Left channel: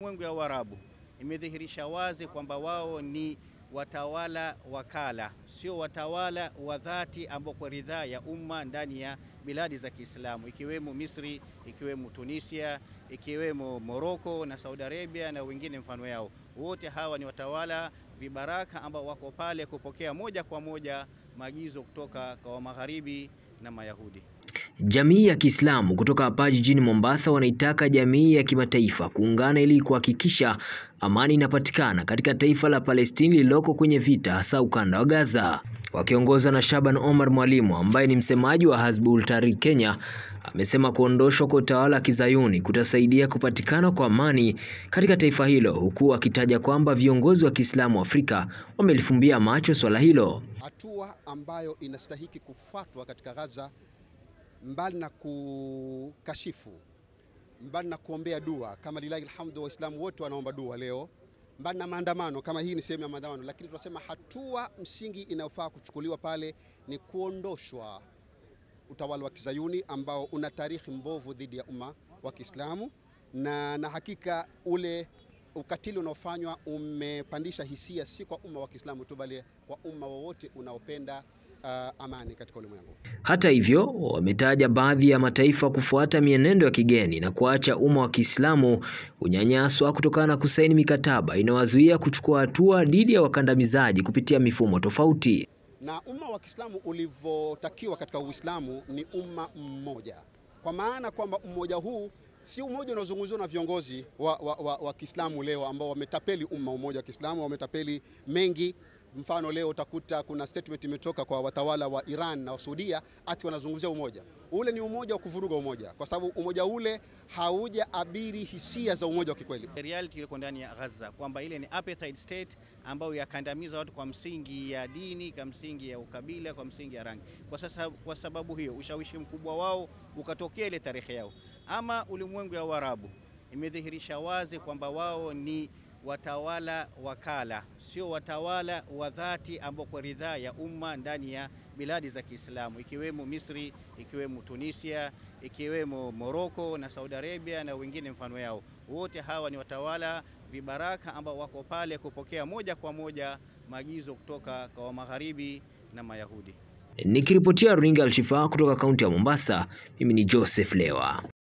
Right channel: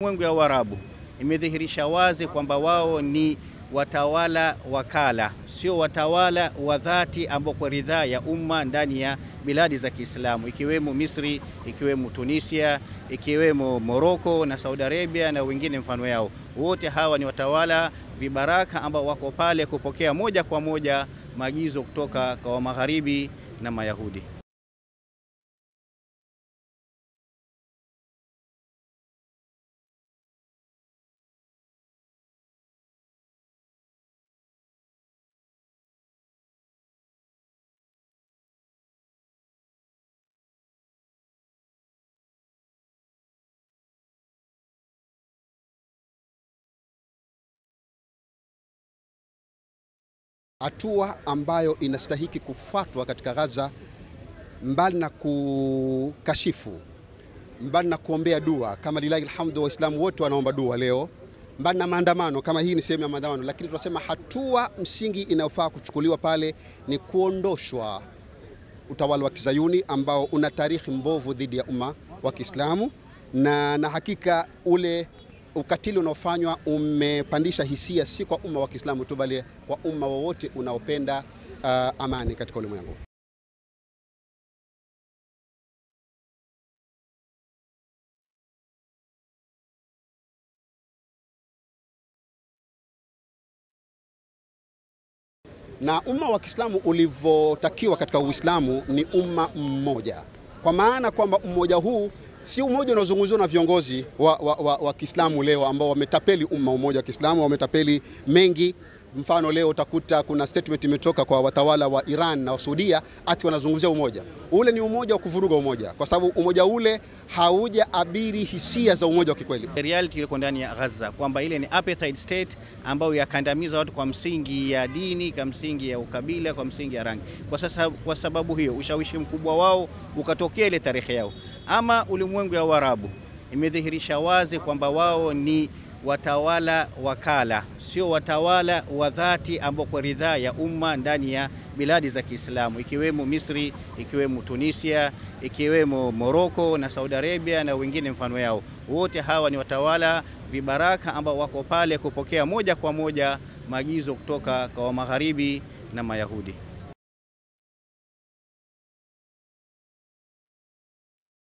Ulimwengu ya Uarabu imedhihirisha wazi kwamba wao ni watawala wakala, sio watawala wa dhati ambao kwa ridhaa ya umma ndani ya biladi za Kiislamu, ikiwemo Misri, ikiwemo Tunisia, ikiwemo Morocco na Saudi Arabia na wengine mfano yao. Wote hawa ni watawala vibaraka ambao wako pale kupokea moja kwa moja maagizo kutoka kwa Magharibi na Mayahudi. Jamii ya Kiislamu kutoka hapa jijini Mombasa wanaitaka jamii ya kimataifa kuungana ili kuhakikisha amani inapatikana katika taifa la Palestina lililoko kwenye vita, hasa ukanda wa Gaza. Wakiongozwa na Shaban Omar Mwalimu ambaye ni msemaji wa Hizbut Tahrir Kenya, amesema kuondoshwa kwa utawala wa Kizayuni kutasaidia kupatikana kwa amani katika taifa hilo, huku akitaja kwamba viongozi wa Kiislamu Afrika wamelifumbia macho swala hilo. Hatua ambayo inastahiki kufuatwa katika Gaza, mbali na kukashifu, mbali na kuombea dua, kama lillahi alhamdu waislamu wote wanaomba dua leo, mbali na maandamano kama hii ni sehemu ya maandamano, lakini tunasema hatua msingi inayofaa kuchukuliwa pale ni kuondoshwa utawala wa Kizayuni ambao una tarehe mbovu dhidi ya umma wa Kiislamu, na hakika ule ukatili unaofanywa umepandisha hisia si kwa umma wa Kiislamu tu, bali kwa umma wowote unaopenda amani katika ulimwengu. Hata hivyo, wametaja baadhi ya mataifa kufuata mienendo ya kigeni na kuacha umma wa Kiislamu unyanyaswa kutokana na kusaini mikataba inayowazuia kuchukua hatua dhidi ya wakandamizaji kupitia mifumo tofauti. Na umma wa Kiislamu ulivyotakiwa katika Uislamu ni umma mmoja, kwa maana kwamba umoja huu si umoja unaozungumzwa na viongozi wa Kiislamu leo ambao wametapeli umma. Umoja wa Kiislamu wametapeli mengi. Mfano leo utakuta kuna statement imetoka kwa watawala wa Iran na Saudia ati wanazungumzia umoja. Ule ni umoja wa kuvuruga umoja, kwa sababu umoja ule hauja abiri hisia za umoja wa kikweli. Reality ile ndani ya Gaza kwamba ile ni apartheid state ambayo yakandamiza watu kwa msingi ya dini, kwa msingi ya ukabila, kwa msingi ya rangi. Kwa sababu hiyo ushawishi mkubwa wao ukatokea ile tarehe yao. Ama ulimwengu ya Uarabu imedhihirisha wazi kwamba wao ni watawala wakala, sio watawala wa dhati ambao kwa ridhaa ya umma ndani ya biladi za Kiislamu, ikiwemo Misri, ikiwemo Tunisia, ikiwemo Morocco na Saudi Arabia na wengine mfano yao. Wote hawa ni watawala vibaraka ambao wako pale kupokea moja kwa moja maagizo kutoka kwa Magharibi na Mayahudi. Nikiripotia runinga Al Shifaa kutoka kaunti ya Mombasa, mimi ni Joseph Lewa.